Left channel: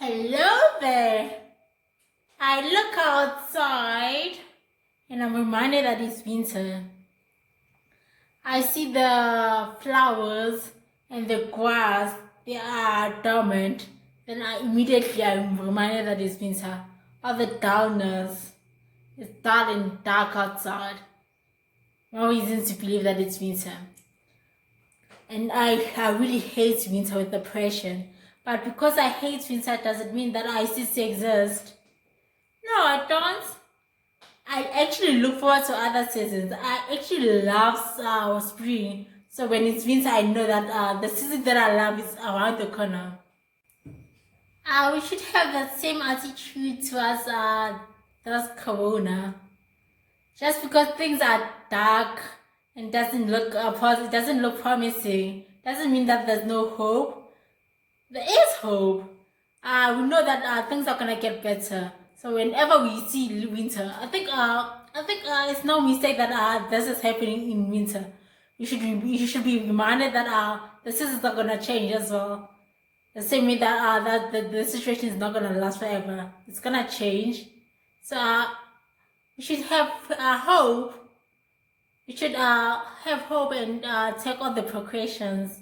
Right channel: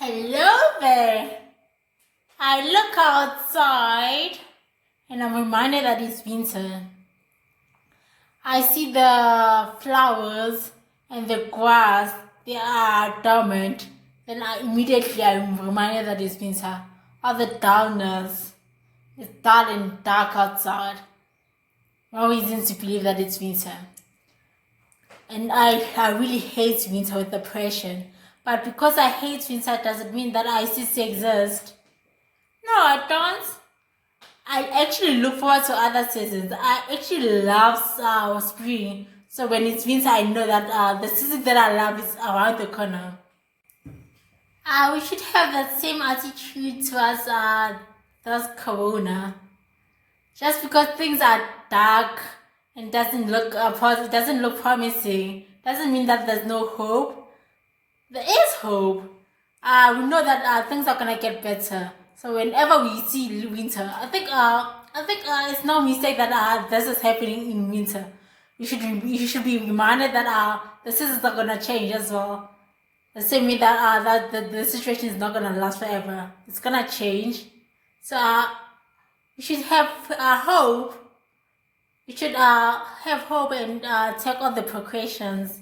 Hello there. I look outside and I'm reminded that it's winter. I see the flowers and the grass, they are dormant. Then I'm reminded that it's winter. All the dullness, it's dull and dark outside. No reason to believe that it's winter. And I really hate winter with a passion. But because I hate winter doesn't mean that I cease to exist. No, I don't. I actually look forward to other seasons. I actually love spring. So when it's winter, I know that the season that I love is around the corner. We should have that same attitude towards Corona. Just because things are dark and doesn't look promising, doesn't mean that there's no hope. There is hope. We know that things are gonna get better. So whenever we see winter, I think it's no mistake that this is happening in winter. We should be reminded that the seasons are gonna change as well. The same way that the situation is not gonna last forever. It's gonna change. So we should have hope. We should have hope and take all the precautions.